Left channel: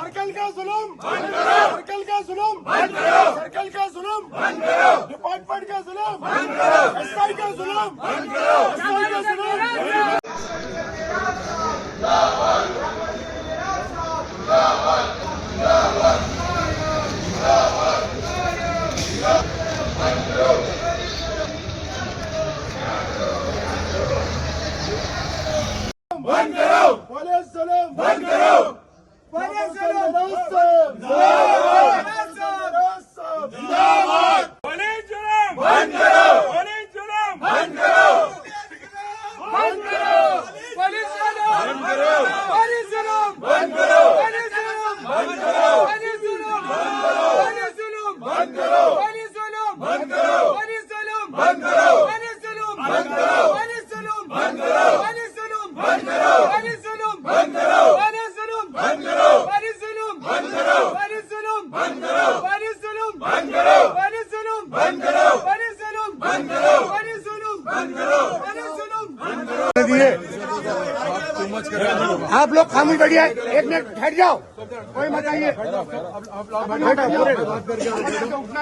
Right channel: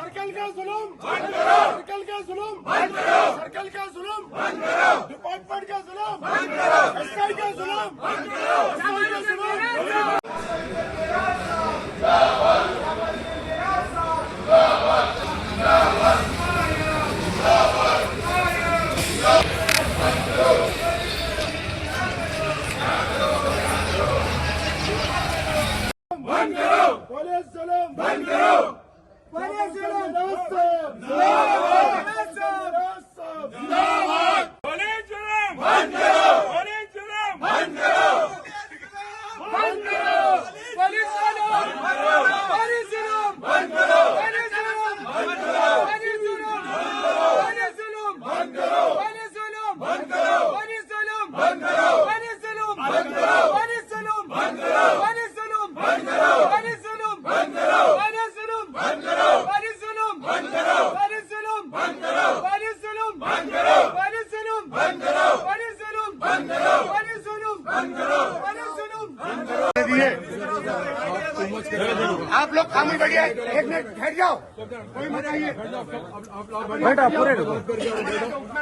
Circle का जुल्म बंद करो, सर्कल का जुल्म बंद करो, सर्कल का जुल्म बंद करो, डिपार्टमेंट का जुल्म बंद करो, एसआई का जुल्म बंद करो, एसआई का जुल्म बंद करो, पुलिस जुल्म बंद करो, पुलिस जुल्म जिंदाबाद, पुलिस जुल्म बंद करो, पुलिस जुल्म बंद करो, बंद करो, पुलिस जुल्म बंद करो, पुलिस जुल्म बंद करो, पुलिस जुल्म बंद करो, पुलिस जुल्म बंद करो, पुलिस जुल्म बंद करो, पुलिस जुल्म बंद करो, पुलिस जुल्म बंद करो, पुलिस जुल्म बंद करो, पुलिस जुल्म बंद करो, पुलिस जुल्म बंद करो, पुलिस जुल्म बंद करो, पुलिस जुल्म बंद करो, पुलिस जुल्म बंद करो, पुलिस जुल्म बंद करो, पुलिस जुल्म बंद करो, पुलिस जुल्म बंद करो, पुलिस जुल्म बंद करो, पुलिस जुल्म बंद करो। आप लोग खाली बैठिए, एक मिनट ठहर जाओ, कोई मत आइए, उठना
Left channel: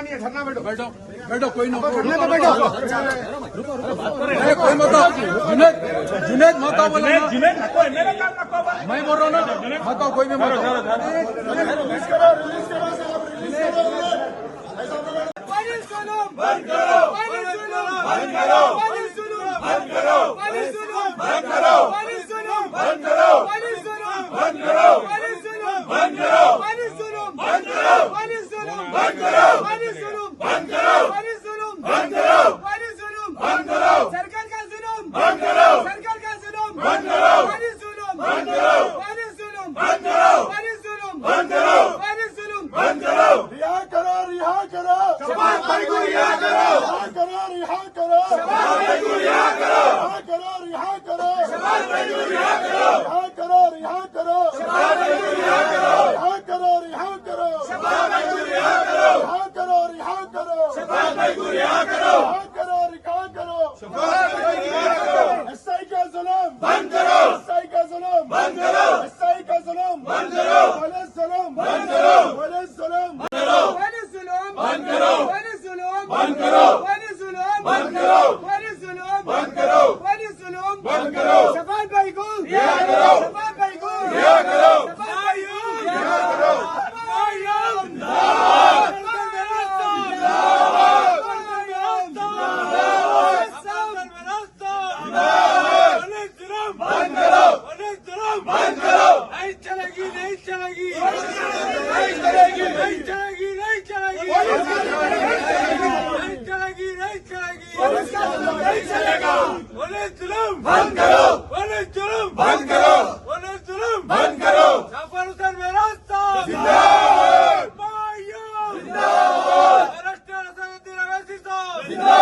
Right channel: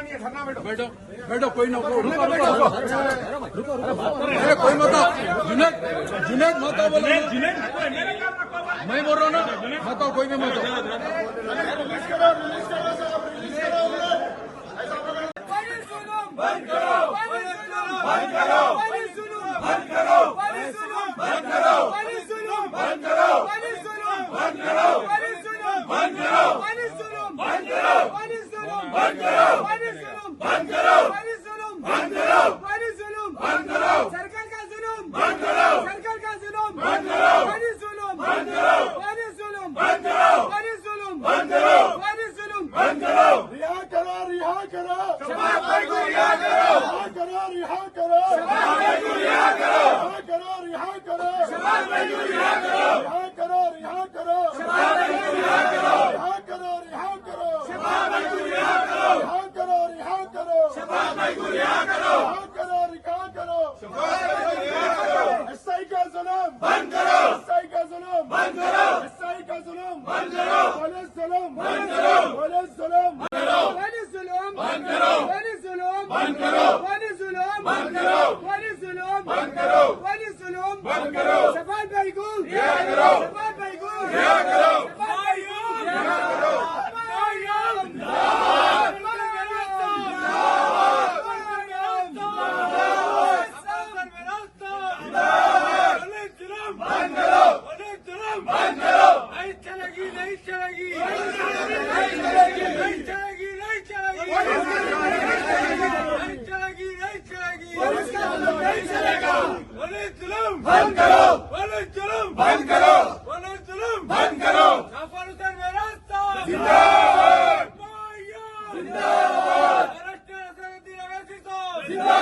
नहीं है, धरना बैठो, बैठो बैठो, कोई ना कोई मत जुनेद मत बोलो, मैं बोल रहा हूँ ना, मत कोई भी मत। बंद करो, बंद करो, बंद करो, बंद करो, बंद करो, बंद करो, बंद करो, बंद करो, बंद करो, बंद करो, बंद करो, बंद करो, बंद करो, सरकार का जुल्म बंद करो, सरकार का जुल्म बंद करो, बंद करो, बंद करो, बंद करो, बंद करो, रिहा करो, रिहा करो, शबाब भाई को रिहा करो, रिहा करो, शबाब भाई को रिहा करो, रिहा करो, शबाब भाई को रिहा करो, रिहा करो, रिहा करो, शबाब भाई को रिहा करो, रिहा करो, रिहा करो, शबाब भाई को रिहा करो, रिहा करो, रिहा करो, शबाब भाई को रिहा करो, रिहा करो, रिहा करो, शबाब भाई को रिहा करो, एसआई का जुल्म बंद करो, एसआई का जुल्म बंद करो, एसआई का जुल्म बंद करो, पुलिस जुल्म बंद करो, पुलिस जुल्म बंद करो, पुलिस जुल्म बंद करो, पुलिस जुल्म बंद करो, पुलिस जुल्म बंद करो, पुलिस जुल्म बंद करो, पुलिस जुल्म बंद करो, शबाब भाई को रिहा करो, शबाब भाई को रिहा करो, शबाब भाई को रिहा करो, बंद करो, नहीं चलेगी, नहीं चलेगी, नहीं चलेगी, नहीं चलेगी, नहीं चलेगी, नहीं चलेगी, नहीं चलेगी, नहीं चलेगा, पुलिस जुल्म बंद करो, पुलिस जुल्म बंद करो, पुलिस जुल्म बंद करो, जाफर हुसैन मेहरास्ता जिंदाबाद, जिंदाबाद, अरेस्ट असदुद्दीन अवैसी साहब जिंदाबाद।